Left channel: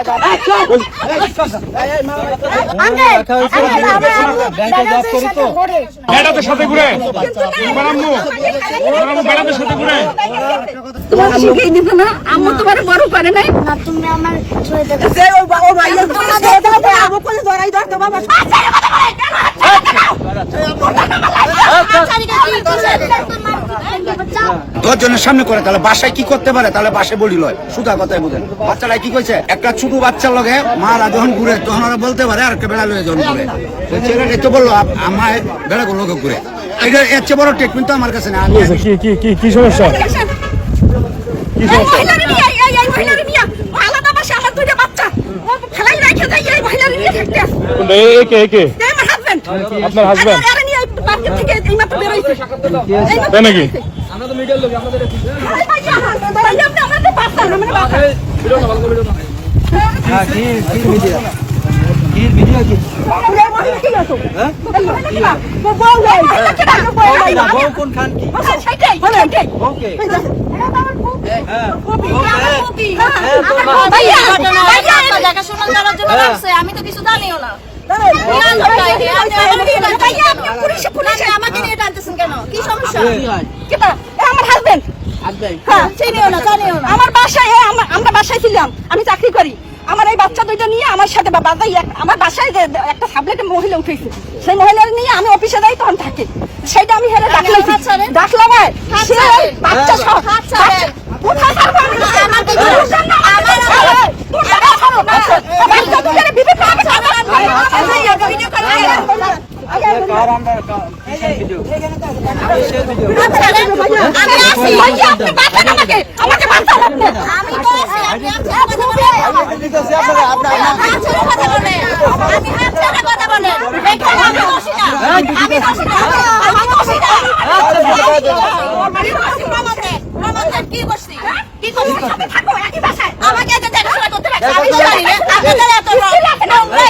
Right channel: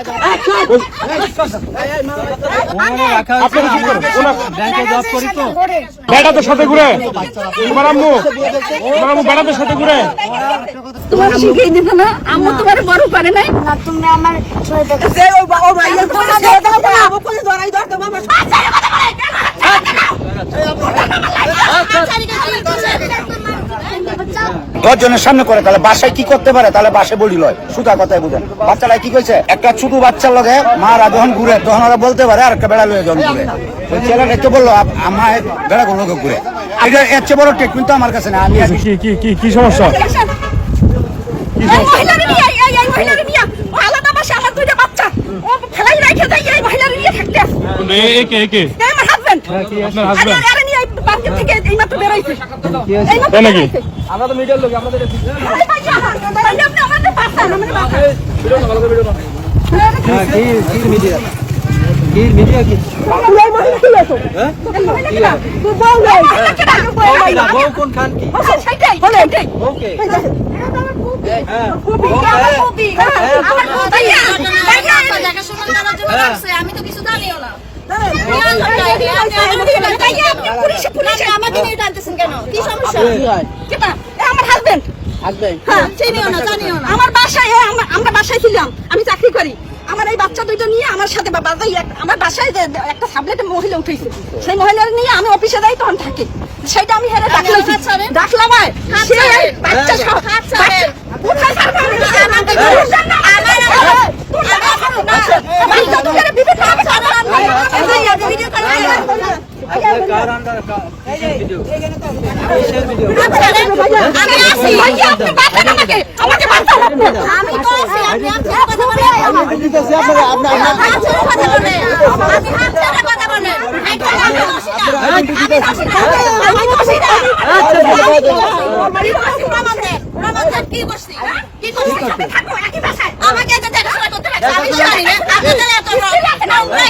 তোমার তোমার তোমার শিখিয়ে দিত না আমার তোমার বড় পারে নাই তুমি আমার ছয় টাকা দশ জনের সামনে করে তাহলে বাসায় কি করতে পারে? তাহলে বাসায় বলি লয়। সুতা কথাই বুঝেন। বাচ্চারা কি কইছে? একটা ছোট বাচ্চার লগে মারা যখন ঘুরে তখন ওরা বলতে পারে আর একটা বেড়া লয়ে যখন ঘুরে। ছেলেটা তো বলল আমার বেড়া গুলো ঘুরে। এটা এর চেয়ে বড় ট্রিটমেন্ট তো আমার কাছে না আমি কি কি কি কি সমস্যা? বাসা একে একে আমার হাজবেন্ড আপনার? বেরোইছে। এই ভাইয়া, ভাইয়া, আপনি আমাদের মানে সেটাই আমি তো কিছু জানিও না। আমি চাকরি করি আমার এই বাচ্চা দুইটা নিয়ে আমার সাথে আমার বাসায় যে একটা সাবলেটে মহিলা উঠেছে সেই মহিলা নিয়ে আমি অফিসে যাই তখন থাকি সেটা আমি হেরে ডাকলাম। ডাকলাম। বাচ্চা সহ কোথায় আমি? কথা বলেন আমি কথা দেখো আমি দোষী না আমি দোষী না আমি দোষী না আমি দোষী প্রমাণ দে প্রমাণ দে কি করছি কি করছি থাকো, একই বাসায়। আমাকে এত দেখাশোনা করতে লাগছে আমি তো জানি না আপনাদের এত নোংরা আমি তো জানি না আমি তো জানি না আমি বলব না আপনি হাত ছেড়ে কথা বলেন হাত ছেড়ে কথা বলেন হাত ছেড়ে কথা বলেন হাত ছেড়ে কথা বলেন হাত ছেড়ে কি করছেন নাম দেওয়া ই করে হ্যাঁ হাত ছেড়ে কথা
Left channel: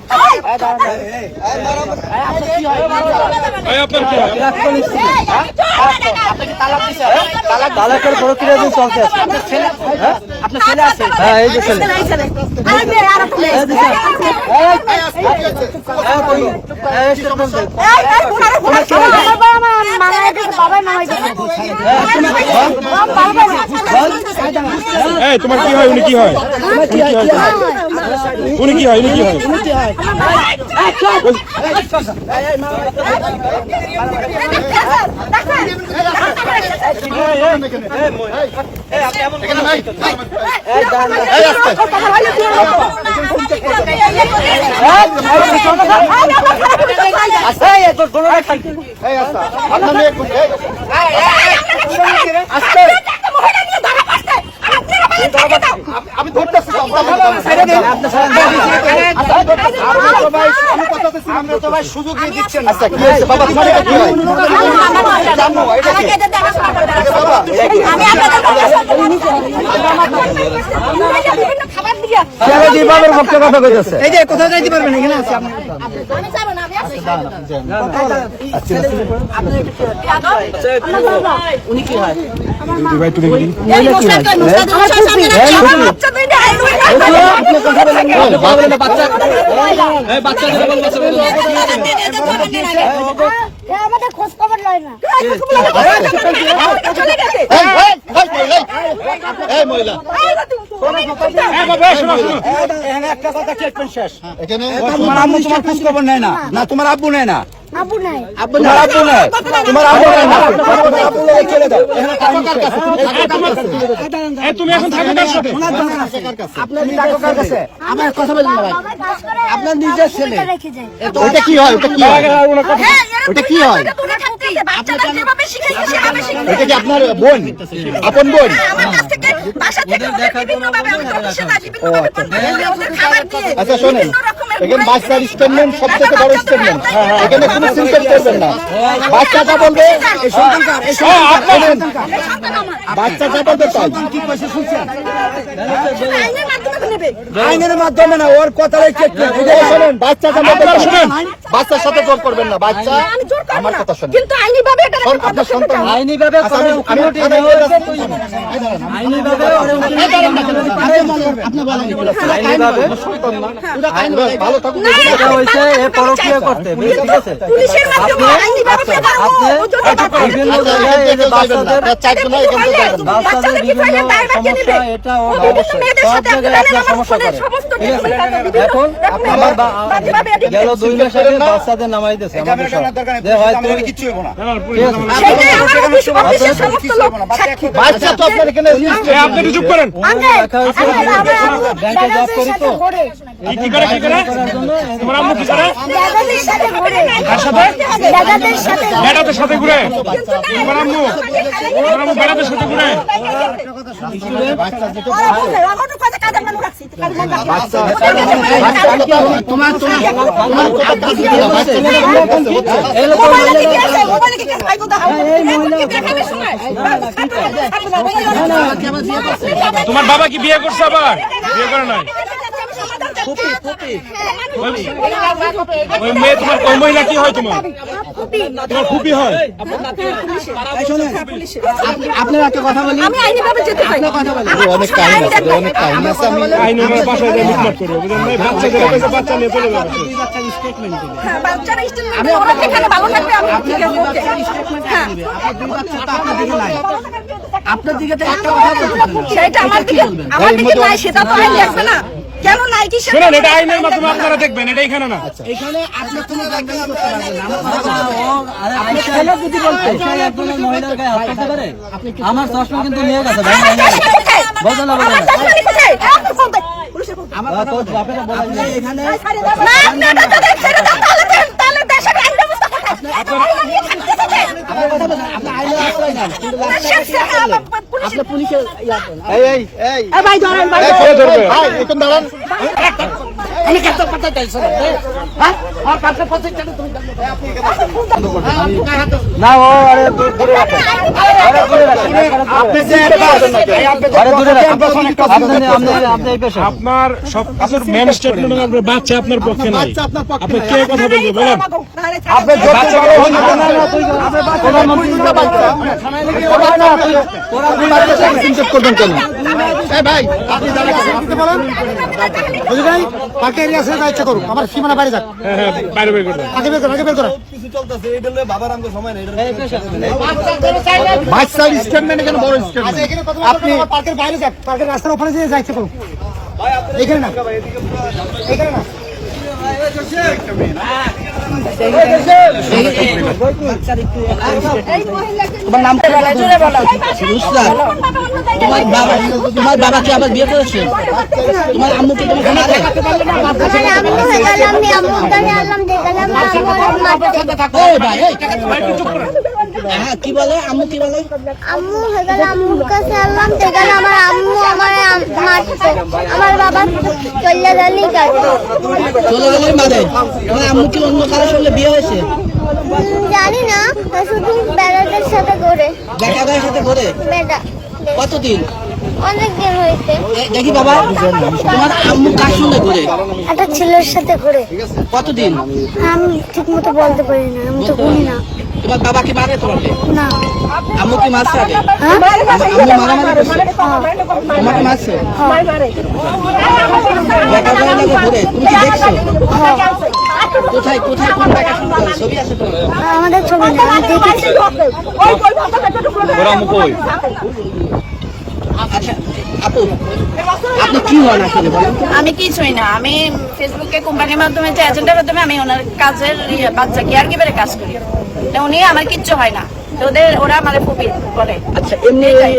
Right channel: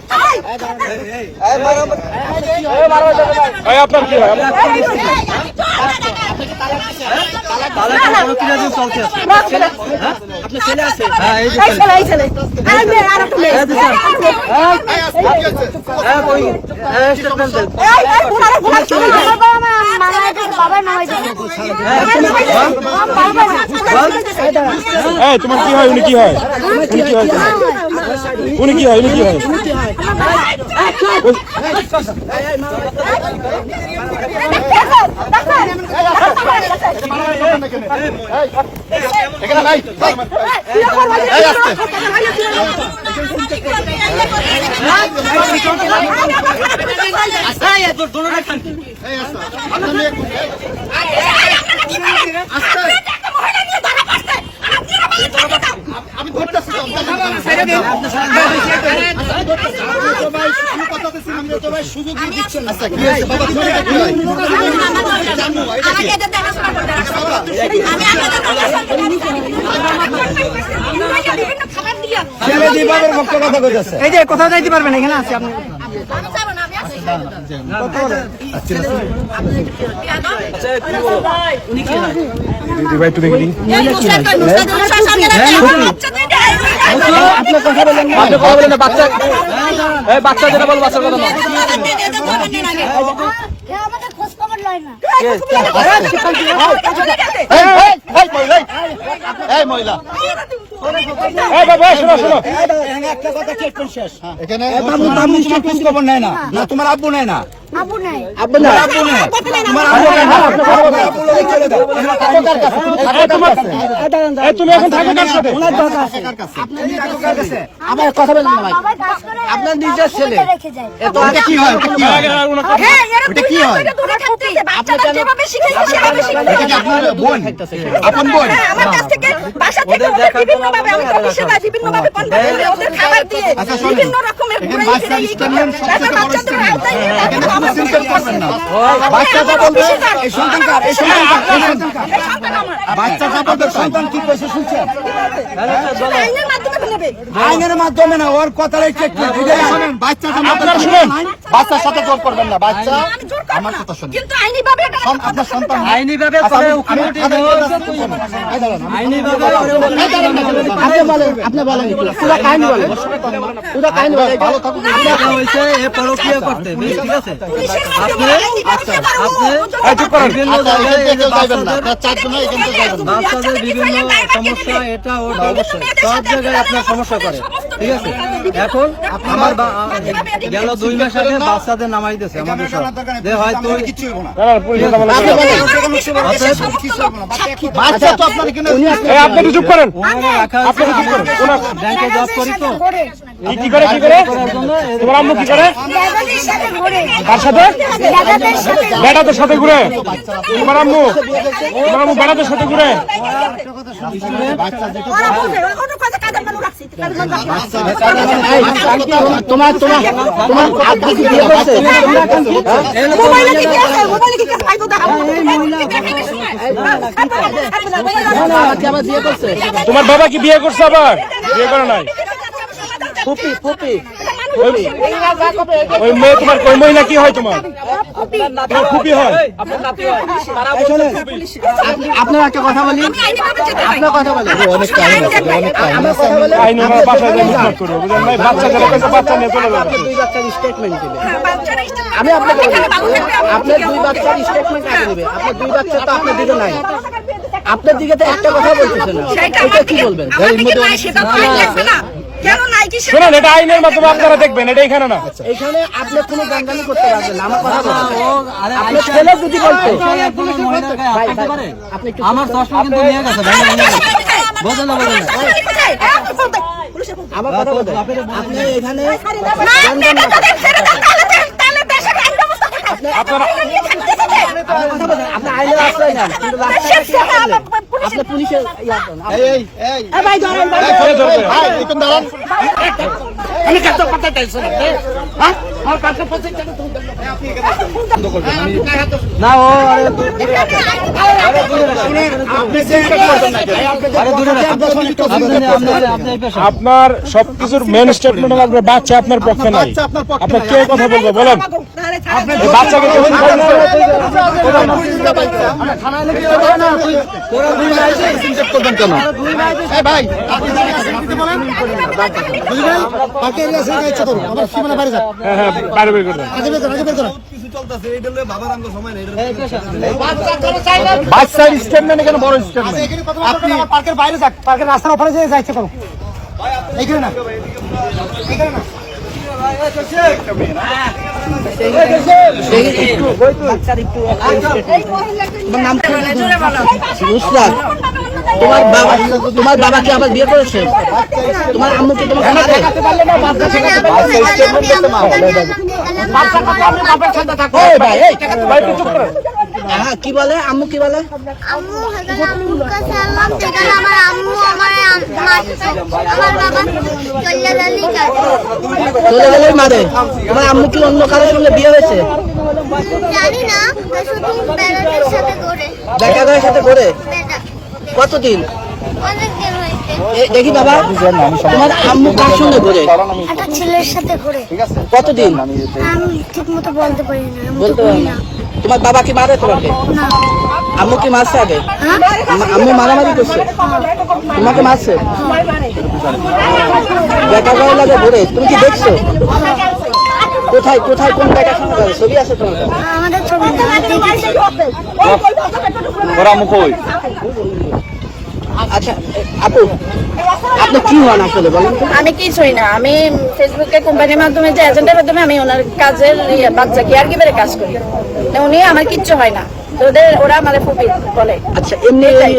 আপনার কি হয়? তালাকের প্রক্রিয়া তোমার কি হয়? উনি কি হয়? উনি কি হয়? উনি কি হয়? এই, আমি তো ভাই সুযোগ দিয়ে দিচ্ছেন আচ্ছা কি হয়েছে বাবা তোমার এটা কি হয় আমি আপনাদের কথা এই যে কোথাও যাইতে পারবেন এখানে আছে আপনি আমি উনি কি হয় বাচ্চা যেটা বল বাচ্চা আমাদের খোঁজ খবর লয় না মহিলা শোনো এখানে একটা কথা শেষ এখানে তোমার আম্মু তোমার খোঁজ খবর নেয় না না তোমার আব্বু নেয় না। আব্বু নাই। তোমার আব্বু নেই। তোমার আব্বু নেই। না তোমার আব্বু লোকে চলে দাও এখানে কার কাছে এই কার কাছে তুমি এখন থাকো কার সাথে ওনার দরকার আপনার কার কাছে আমার কথা বলেন না ভাই। আপনার নিজের ছেলে। কি হয়? ওটা কি হয়? হ্যাঁ কি হয়? এটা কি আপনার বোন? আপন বোন? হ্যাঁ, কাছ আচ্ছা শোনেন। ফিরাই স্টেটমেন্ট সব থেকে বড় বাচ্চা স্টেটমেন্ট তো আওতায় নিয়ে এখানে কোনো আমার সিনকেট করবেন না। বাচ্চা চাপাবে এই সন্তান কার? এই সন্তান কার? এই সন্তান কার? বাচ্চা চাপাবে সন্তান কি কইছে শুনছেন আইনের মাধ্যমে না ওর কথাটা চেক করে এটাই বাচ্চা চাপাবে শুনেন। বাচ্চার সাথে জোর করবেন না। বাচ্চা আমার কথা শুনেন। কিন্তু আপনার সন্তান আইনি ভাবে আইনি ভাবে ভালো থাকুন এটা এ করতে ঠিক আছে আপনি বিভিন্ন জায়গায় এই যে বাচ্চাদের চারজন এখান থেকে যাবেন বাচ্চাদের বিভিন্ন সমস্যা এটা ওটা সব জায়গায় আপনার সমস্যা করে। ঠিক আছে? এখন আমার গেল দুই মাস আগে বাচ্চাদের নামাই দিয়েছে আমাদের সব। যে তুই কিচ্ছু না। বাচ্চা তো আপনার এখানে আপনি কি চুপ করেন সাথে ঘুরে। সাথে ঘোরে। তোমার বাবা কি বিয়ে করছে আবার? বিয়ে করে নাই। ওই মেয়ে তোমার ওই মহিলা কি হয় তোমার? তোমার খুবই হয়? আপনার একটা কথা বলি। আমি আইনি ভাবে যেতে হয়। অনেক টাইম আছে অনেক টাইম আছে। আমি আইনে আমার বাসায় যাই মিটমাট করব বুঝলেন ভাই? বাচ্চাদের একটা বাচ্চা নিয়ে চলে যাবে। হ্যাঁ, বাচ্চারা স্টেটমেন্ট দিবে, এখানে ভালো থাকবে আমি ঠিক আছে ওকে। হ্যাঁ। আপনার দিকে তো একটা কথা বলতেছে সেটা আমার দিকে আমার দিকে নাই সেটা তো আইন দেখবে না। কেন নাই কি সেটা শুনুন এটা আইনের মাধ্যমে আপনারা দেখবেন এটা এখানে না। এখানে আপনি কোনো গানগানি করতে পারবেন না। আমার আরে আইসা বুঝি বলতে একজন মহিলার গায়ে হাত দিতে পারে? আমার চশমা কিন্তু নিয়ে গেছে ভাই বোঝো না। বোঝো আমার কথা। বলতে আপনি এখানে না আপনি এটা তাদের তাহলে তাহলে দেশের আইন ব্যবস্থা থাকে। কথা বলছেন আপনি আইলে না ও আরে দূরে আপনার সবকিছুর মেন স্টেটমেন্ট আপনার বাচ্চা আপনার পক্ষে নাই আপনার। কে কথা বলবে বলেন আপনি ভাই দাঁড়ান বলেন আমার সীমানা বাইরে হ্যাঁ হ্যাঁ বাইরে বের করবেন আগে বের করুন আগে বের করুন এই পেশা বাচ্চার স্টেটমেন্ট এখানে বড় স্টেটমেন্ট আপনি পার্কের বাইরে যাক পার্কের রাস্তার ওপরে যেয়ে যাইতে করুন এখানে না এখানে না নুসরাত তোমার বাবা তোমার বাবাকে আবার বিয়ে করেছে? তোমার আম্মুকে তোমাকে মারে? আম্মু হয়ে কি বলে? আম্মু কি বলে? আম্মু আম্মুর কাছে আল্লাহ দিয়ে গেল আমার আম্মু আমার মারতো আমার বাবা চলে গেলেই কাটে চলে গেলে মারে। তোমার আম্মু কি অন্য কারোর সঙ্গে বিয়ে হয়েছে? জানি না শুধু বেড়াদের সাথে ঘুরে। দেখা সাথে করে বেড়া কতদিন? অনেক হয়েছে। দেখি বাবা। তোমার আম্মু কার সঙ্গে ঘুরে? একটা ছেলের সাথে ঘুরে। কতদিন? আমি ঠিক মতো বলতে পারি না আমি তো বলতে না। না। তোমার বাবা কি মারে তোমাকে না। আম্মু কি মারছে আগে? হ্যাঁ? আম্মু মারামারি করছে? তোমাকে মারছে? দেখা যায় লাগে ঘুরে। তুমি কি দেখছ? কোথায় কোথায় কোন জায়গা ছবি আছে তো? আমাদের ছবি না আচ্ছা আপু আপনি কি হন আসলে বলেন আমি কিছুই না আমি ফেসবুকে কোম্পানির মাধ্যমে যে এজেন্টের মাধ্যমে আমি ওনার কাজের ইয়ে, বাচ্চা কেয়ার গিভারে কাজ করি। উনি আমার কিচ্ছু হয় না। তো ওদের ওরা আমার ফুপি বলে। আচ্ছা এইটাই।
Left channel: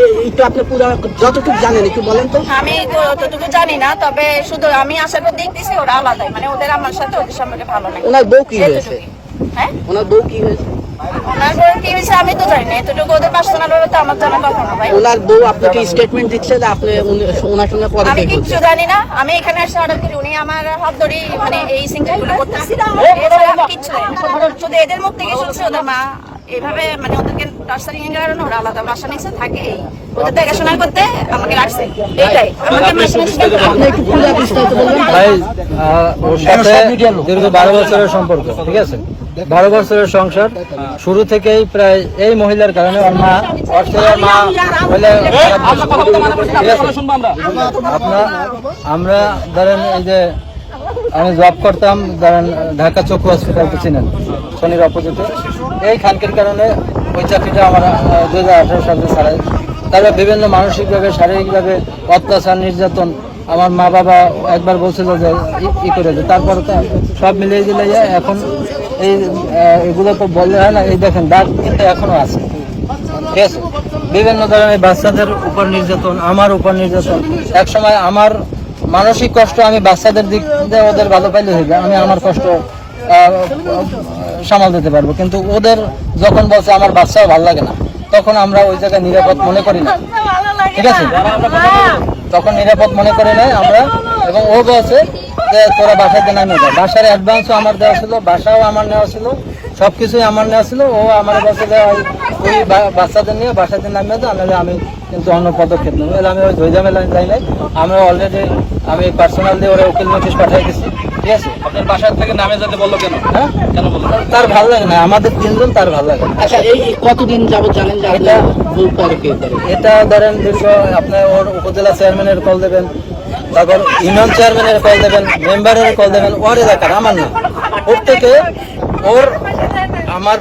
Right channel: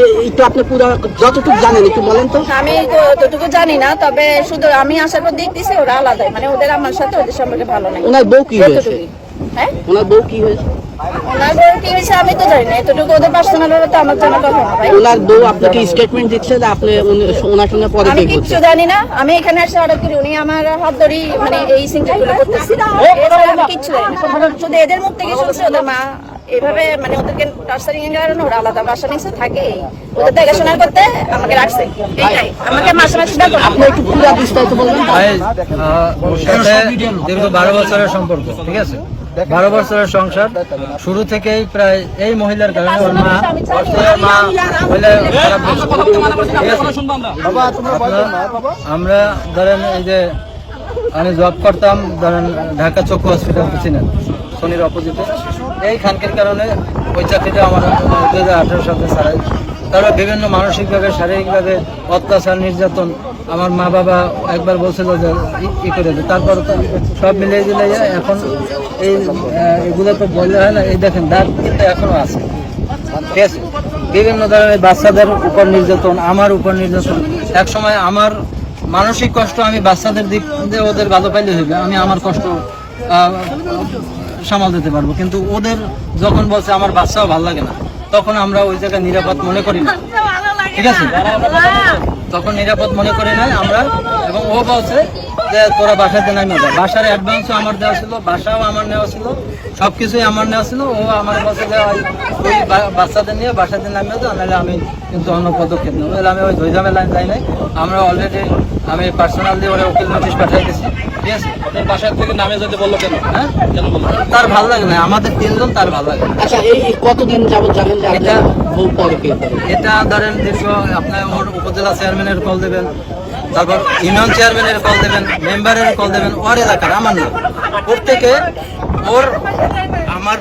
আমি অতটুকু জানি না তবে শুধু আমি আসার পর দেখতেছি ওরা আলাদাই। মানে ওদের আমার সাথে ওদের সম্পর্কে ভালো নাই। এতটুকুই। হ্যাঁ? ওনার কি হয়েছে? আমি তো জানি না এতটুকু ওদের পার্সোনাল তো আমার জানার কথা না ভাই। আমি কিচ্ছু জানি না আমি এখানে এসে অর্ডার করি উনি আমার হাত ধরি মানে এই সিনটা করতেছে। এছাড়া আমি কিচ্ছু জানি না। শুধু এদের মুখ থেকে শুনছি ওদের মা এভাবে মানে ওদেরকে এর কারণে ওরা আলাদা বাসা নিচে থাকে ওদের দেখাশোনা করতে আমাকে রাখছে এইটাই আমাকে মাসে মাসে ভাই ওর সাথে দীর্ঘ বারো বছরের সম্পর্ক ঠিক আছে? বারো বছরের সংসার শুরু থেকেই প্রায় এই মহিলার কারণে ওর মা ওর মা হইলে খারাপ ঠিক আছে? আপনার আমরা ধরেন এই যে আমি জব করতাম ঢাকা চক্ষু হসপিটাল তো শনির অপোজিটে। এই খানকির কারণে ওই চাকরিটা আমার দু হাজার আঠারো সালে ছাড়াই। তারপর বিভিন্ন মানসিকভাবে, শারীরিকভাবে অত্যাচার, নির্যাতন আমার মা বাবা একবার বলছিল যে, ই- করে তারপর তো সব মিলিয়ে দিলে এখন এই এগুলো তো বললে হয় না, এই দেখেন, দাগ কিন্তু এখনও আছে। ঠিক আছে? বিভিন্ন ধরনের বাচ্চাদের উপর নির্যাতন, আমার উপর নির্যাতন। এক সময় আমার মানসিক কষ্ট আমি বাচ্চাদের দিক দিয়ে ওদের ভালো পাইলে হইবে, আমি আমার কষ্ট সামাল দিতে পারব। কিন্তু ওদের যখন বলছে আমার বাচ্চাও ভালো লাগে না, তখন আমরা ওই জায়গায় নিরাপদ মনে করি না। ঠিক আছে? তখন নিরাপদ মনে করি না আমরা, এবং ও বলছে যে, তোরা দিয়ে নামিয়ে যা বাসার অ্যাডভান্সও আমার দেওয়া ছিল, বাসাও আমার নেওয়া ছিল সব কিছুই আমার নেওয়া ছিল। ও আমার বলছে যে, ওই বাচ্চাদের নিয়ে বাসায় দিয়ে নামিয়ে যা নাহলে আমি কিন্তু অন্য পদক্ষেপ নেব। আমি ওই ধৈর্য মেলায় যাই নাই। আমরা অলরেডি আমি পার্সোনাল দিয়ে ওরা উকিল নোটিশ পাঠিয়ে গেছি ঠিক আছে? আপনার বাসার থেকে নামে যেতে বলল কেন? হ্যাঁ? তার ভালো লাগে না আমাদের তিনজন তার ভালো লাগে আচ্ছা এই কতদিন যাবত জানেন যে আপনার বিয়ে এটা ধরেন দীর্ঘ আপনি ওর উপজেলা চেয়ারম্যানের কল দেবেন তারপর ইউনিয়ন চেয়ারম্যানের কল দেবেন মেম্বারের কল দেবেন ওর এলাকার আমার না। ওর থেকে ওর আমার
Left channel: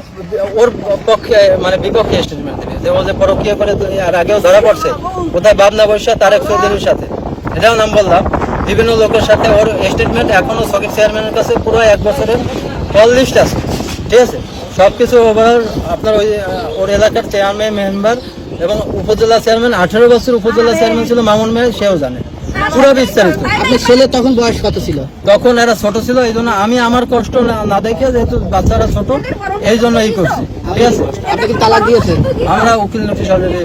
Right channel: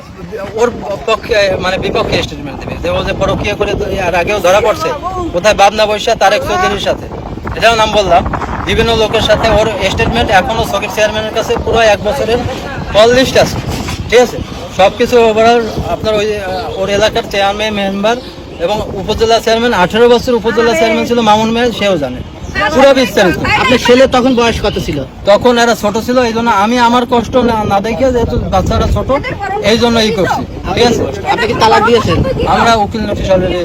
ওর পক্ষে মানে বিপক্ষে স্টেটমেন্ট দেবে। যে ও যে পরকীয় করে আর আগেও ধরা পড়ছে কোথায় বাবনা বৈশা তারেক চৌধুরীর সাথে। এটাও নাম বললাম। বিভিন্ন লোকের সাথে ওর স্টেটমেন্ট এখনও সকেট চেয়ারম্যানের কাছে পুরো এক বছরের কল লিস্ট আছে। ঠিক আছে? সব কিছু ওভারঅল আপনার ওই ওর এলাকার চেয়ারম্যান মেম্বার এবং উপজেলা চেয়ারম্যান আঠেরো বছর উপজেলা চেয়ারম্যান ছিল মামুন মেয়ে সেও জানে। পুরো বিস্তারিত আপনার ছেলে তখন বয়স কত ছিল? তখন এরা ছোট ছিল এই জন্য আমি আমার কষ্ট না না দেখে যেহেতু বাচ্চারা ছোট এই জন্য এই করছি। ঠিক আছে? আপনি কি তালাক দিয়েছেন? আমরা উকিল নোটিশ অলরেডি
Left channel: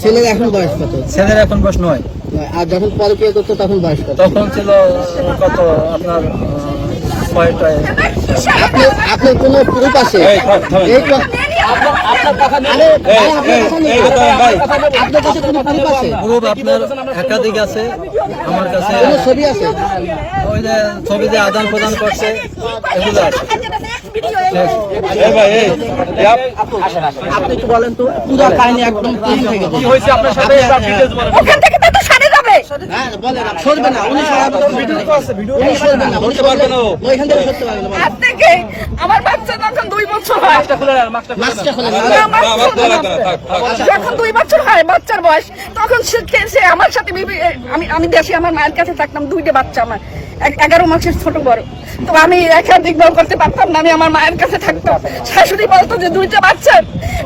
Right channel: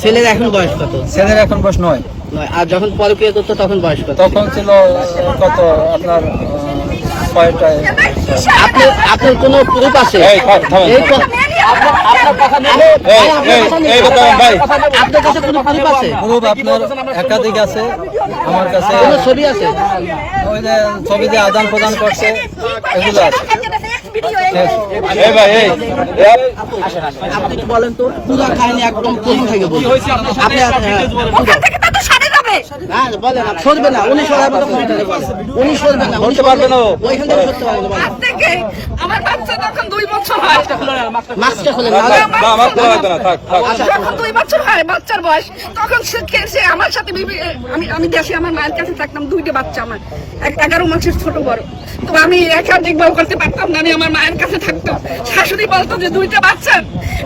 ছেলের এখন বয়স কত? ছেলের এখন বয়স নয়। নয়। আর যখন পরে বিয়ে করতো তখন বয়স কত? তখন ছিল কত আপনার ছয়টায় আপনি আপনার কোনো প্রুফ আছে? আপনার একাধিক আছে আমার কাছে ছবি আছে ওই যে ছবি যে আদান প্রদান করছে এগুলো আছে আপনি বলেন তো পুরো কাহিনী একদম প্রথম থেকে বলুন ওইখান থেকে সরতে পারবে না বলেন আজ থেকে আমার বাচ্চা তখন দুই বছর হয়। যখন দুই বছর হয় বাচ্চার বয়স তখন সে আমার সাথে আমি আমি দেশে আমার মায়ের কাছে থাকতাম দুইটা বাচ্চা আমার। এক- এগারো মাসের ছোট বড়। তো আমি একাধিক বউ করতে পারতাম না আমি আমার মায়ের কাছে থাকতাম। শাশুড়ি বলতো যে দুইটা বাচ্চা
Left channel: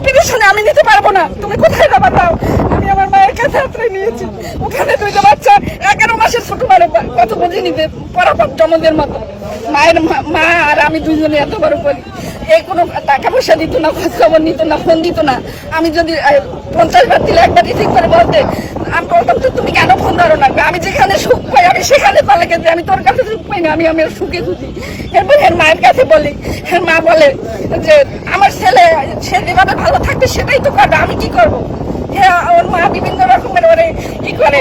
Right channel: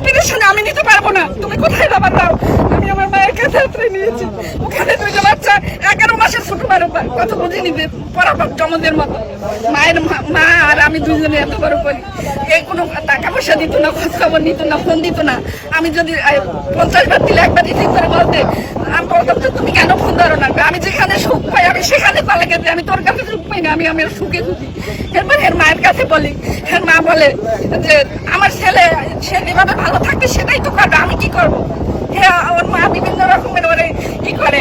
টেনশনে আমি নিতে পারব না। তুমি কোথায় যাবা দাও? আমি আমার মায়ের কাছে আশ্রয় নিয়েছি। ওখানে দুইটা বাচ্চা এগারো মাসের ছোট বড়। কত বুঝিনি যে পরাপর জমজের মতো। মায়ের মা- মা আর আমি দুইজনে এত বড় করি। এই কোনো টাকা পয়সা দিত না খোঁজ খবর নিত না, ফোন দিত না। আমি যদি পঞ্চাশ বার দিলে একবার রিসিভ করে বলতে, আমি বলতাম যে তুমি কেন ফোন ধরো না? আমি যেখানে সুখ পাই, আমি সেখানে চলে গেছি। আমি তোর কাছে সুখ পাই না, আমি আমার সুখে সুখী। এরপর এর মায়ের কাছে বলি হ্যাঁ মা বলে যে, আমার ছেলে, সে যেভাবে ভালো থাকবে সেটাই তো করবে, আমি কি করব? হ্যাঁ ওর মা বিভিন্ন রকমের ওরে কি করে।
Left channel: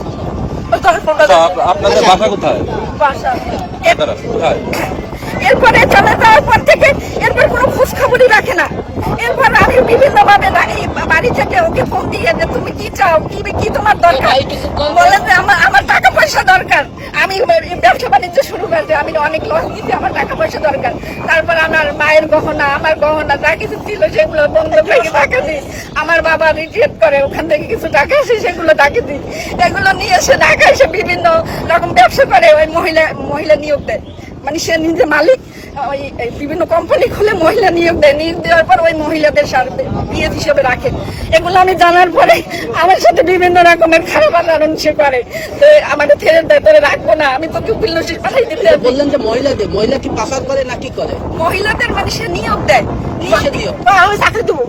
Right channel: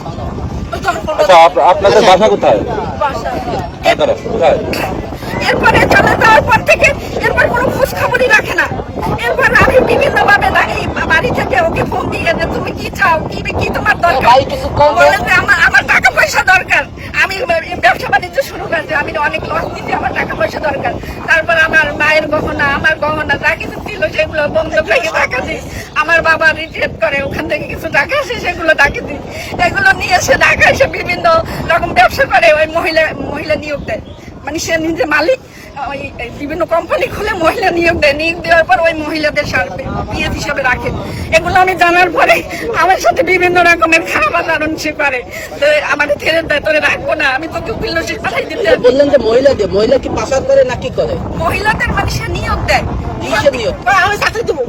এরপরে চলে যাওয়ার পর থেকে এরপর কোনো খোঁজ খবরই রাখে না। এরপর আমি বিভিন্ন ভাবে বাড়ি থেকে ওকে ফোন দিয়ে যে তুমি কি চাও কি কি তোমার দরকার? বলে যে আমার আমার টাকা পয়সা দরকার। আমি ব্যবসা বাণিজ্য শুরু করেছি আমি অনেক লস দিচ্ছি আমার টাকা পয়সা দরকার। তারপর আমার মায়ের গহনা আমার গহনা যা কিছু ছিল সেগুলো বন্ধ টাকা দিই। আমার বাবা রিটায়ার করে ওখান থেকে কিছু টাকা আসে সেগুলো টাকা দিই। এগুলো নিয়ে এসে ঢাকা এসে বিভিন্ন রকম ব্যবসা করে ওই মহিলা মহিলা নিয়োগ দেয়। মানে সে নিজে মালিক ওই বিভিন্ন কোম্পানি খুলে মহিলা নিয়োগ দেয়। নিয়োগ দেওয়ার পর ওই মহিলাদের বিএফ হিসেবে রাখে। এগুলো আমি জানার পরে আমার সাথে বিভিন্ন রকমের খারাপ আচরণ সে করে। তো আমাদের ছেড়ে দেয় তোরে রাখব না আমি তোকে পাঠাই দিতে বললেন যে মহিলাকে মহিলা কি পাচার করে না কি করে? মহিলাদের মানে সে নিয়োগ দেয়।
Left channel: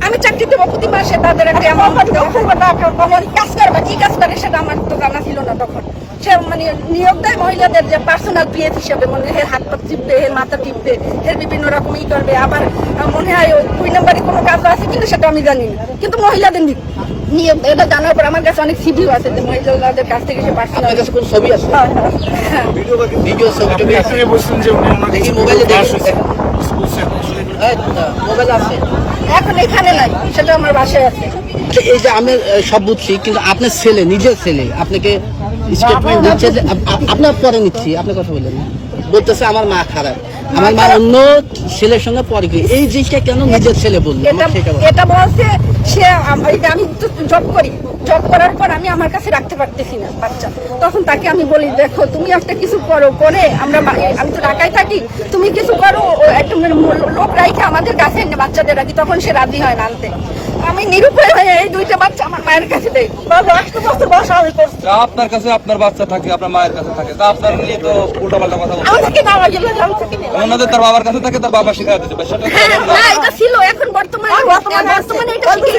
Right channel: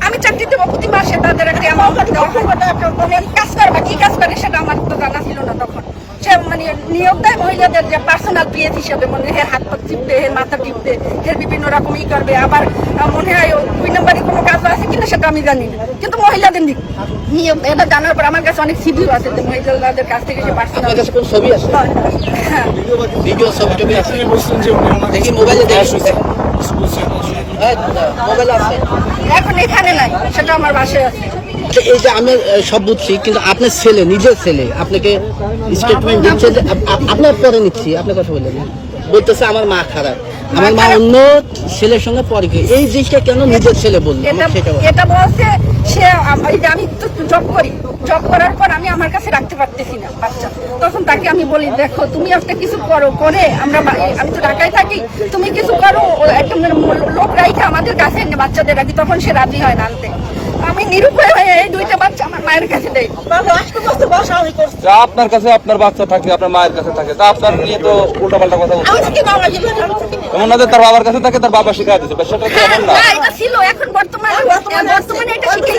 আমি চাকরি দেবো। প্রতি মাসে তাদের একটা। আমি কাজ করবা কি কাজ করে সেটা আমার তো জানা ছিল না তখন। সে মানে নিয়োগ দেয় মহিলাদের যে পার্সোনাল পিএফ হিসেবে মানে এর হাত পা টিপবে এর মাথা টিপবে এর বিভিন্ন রকম ই করবে। আবার মনে হয় দুই নম্বরে কোনো কাজ আছে কিনা সেটা আমি জানি না। কিন্তু মহিলাদের নি- নিয়োগ দেয়। এটা জানার পর আমার কাছে অনেক সিভিও আছে যে মহিলাদের কাছ থেকে যে পার্সোনাল আপনার কাছে কোন ছবি আছে? হ্যাঁ ভিডিও ছবি মোবাইলে আছে এখন এখানে নাই সেটা আমার বাসায় আছে। এই যে আমি সব বুঝছি কিন্তু আপনার ছেলে নিজের ছেলে আপনাকে স্টেটমেন্ট দিচ্ছে আপনার পরে নিচ্ছি আপনি কথা বললেন না। বলতেছে আমার মা খারাপ। আমার মা অন্য ছেলের সঙ্গে পরে এই জিনিসটা কেন নিজের ছেলে বলল? এটা বলছে সে আম- তো জব করি। জব করার পর আমি আমার কাছে রাখতে পারতেছি না বাচ্চা। তখন তাকে আমি বলি দেখো তুমি একটা কিছু করো করে আমরা আমি তো ঢাকায় থাকি তুমি কিছু করো একটা মানে লোক রাইখে আমাদের কাছে বাচ্চাদের রাখি। তখন সে রাজি হয় না আনতে। আমি নিরুপায় হয়ে এই দুইটা বাচ্চা আমার মায়ের কাছে দেই বাবা আষ্ট বছর আমি করছি। আপনার কাছে আপনার বাচ্চা থাকে আপনার মায়ের কাছে থাকে তা আপনার নিয়ে তো উল্টাপাল্টা কথা আমি থাকি বাবা গেলে আমি থাকি না। অন্যদের তার বাবার কাছে থাকে তার বাবা শিখাই তা সেটা হ্যাঁ, না, এটা ছিল এখন বর্তমানে বর্তমানে এটা শিখে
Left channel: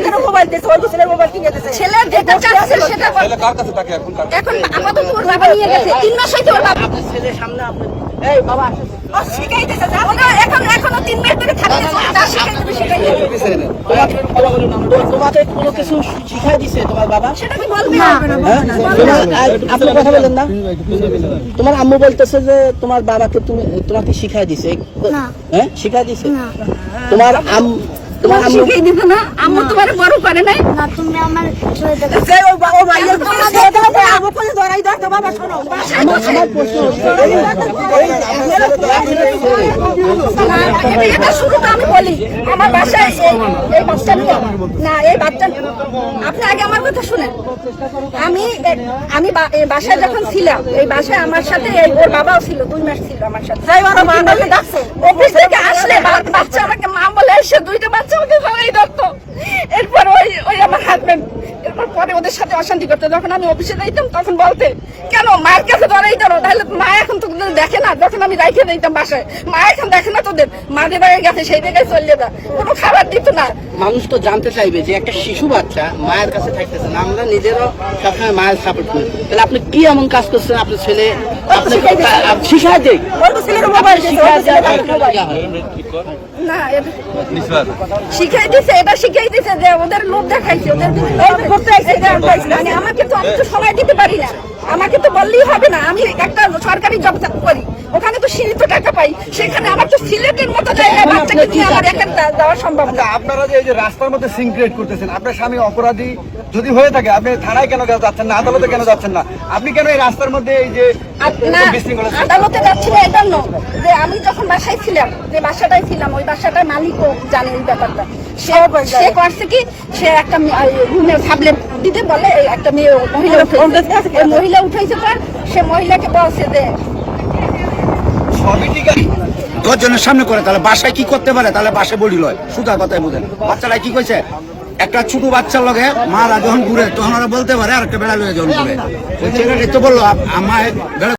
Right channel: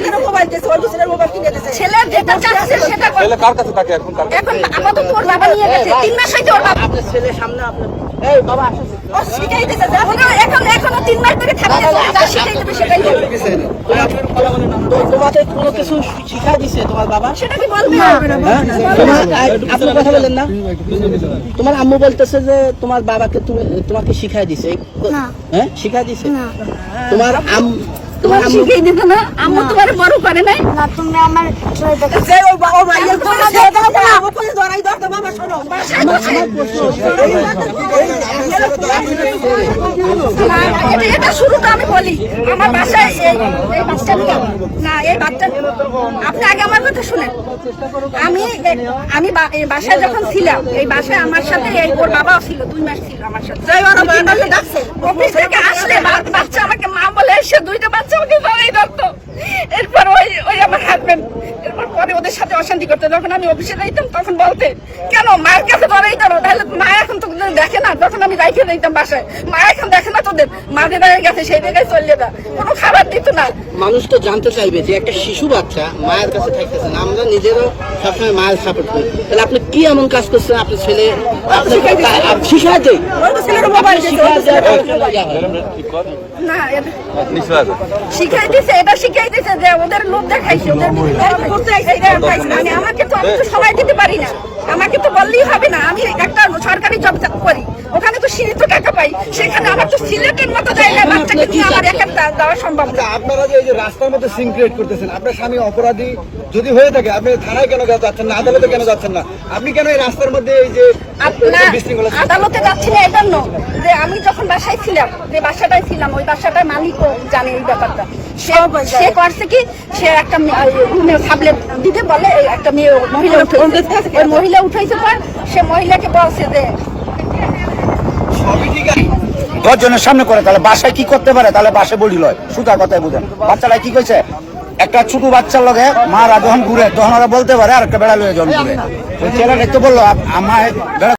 ছেলে যেটা চাচ্ছে সেটা করে। ছেলে কার কাছে থাকে এখন? এখন আপাতত ওর বাবা নিয়ে গেছে তিন মাস হইতে ওর বাবা ও শিখাইতেছে, দেখো না, এখন এখনও তিন মাস ধরে থাকতেছে, ও যা শিখাই দেবে সেটাই দেবে। তো- তোমাকে কোনো কিছু শিখা দিছে তোমার বাবা হ্যাঁ? তোমার আ- আপনি কথা বলেন না। তোমার আম্মু বলতেছে যে তোমার বাবাকে তুমি তোমাকে শিখাই দিছে। হ্যাঁ? শিখাই দিছে। তোমার আম তোমার শিখিয়ে দিত না আম্মু তোমার বড় করে নাই না তুমি আমার এটা শুরুটা আমি বলি আমার বাসায় এই- এই বাচ্চা নিয়ে না এই বাচ্চা আপনি আগে আমার কথা শুনেন আমি আমি বা- এই বাসায় যখন ছিলাম এই বাসায় আমার সাথে এই ওর বাবাও ছিল দুই মাস ছিল আমার সাথে অফিস থেকে আসলে বাচ্চা আমাকে মা বলে এসে দুইটা বাচ্চা আমাকে জড়াই ধরতো এরপর ওই ওই আমার হাজবেন্ড এরপর পরে ওদের সাথে অশান্তি করতো। যখন আমি অফিসে যাইতাম তখন বলতে কেন মায়ের কাছে ধরেই ধরো তাহলে মা এখন তো তোদের দেখে না। যখন আমি রাইখে দিতাম বাসায় মা এখন দেখে না তোদের? মাদের বাড়ির কাছে সেই জায়গায় চলে যা। কোনো খাবার দিত না। মানুষ তো জানতে চাইবে যে একটা শিশু বাচ্চা মায়ের কাছে থাকতেছে না। আমরা নিজেরও সবসময় মায়ের সাপোর্ট করি। তাহলে আপনি কি এমন কাজ করছেন? আপনার ছেলে আপনি শিখাই না শিখাইতেছে। এটা শিখাইতেছে যে ওদের লোক দেখাইছে ওদের করতে আমাকে তো আমি তো সময় দিতে পারি না। আমাকে তো বললেই হবে না আমি একটা সরকারি জব করি। ওখানে তো সীমিত টাকা পাই সেখানে আবার তো সিলেটের মতো জায়গায় বাচ্চাকে নিয়ে আমার এখানে যা- যাওয়া সম্ভব না। আপনারা যে এই যে রাস্তার মধ্যে সিং ক্রিয়েট করতেছেন আপনার স্বামী অপরাধী যদি হয়ে থাকে আপনি থানায় কেন যাচ্ছেন না আদালতে কেন যাচ্ছেন না? আপনি কেন এই রাস্তার মধ্যে এই যে আদালতে যাচ্ছি না এটা নয়। যে আমি যখন বাসায় ছিলাম যে বাসাটায় ছিলাম ওই বাসাটার মালিকও জানে এই ব্যাপারটা। সে সে করছে কি সে একটা রুমে সাবলেট দিতে বলে একটা মেয়ে মহিলা ওই মহিলা উঠাইছে পর সে মহিলাকে বলছে যে দশ জনের সামনে করে তাহলে বাসায় কি করতে পারে? তাহলে বাসে বলি লয় সুতা কথাই বুঝেন। বাচ্চারা কি কইছে? একটা ছোট বাচ্চার লগে মারা যখন ঘুরে তখন ওরা বলতে পারে আর একটা বেড়া লয়ে যখন ঘুরে। তো বলল আম- আমার বেড়া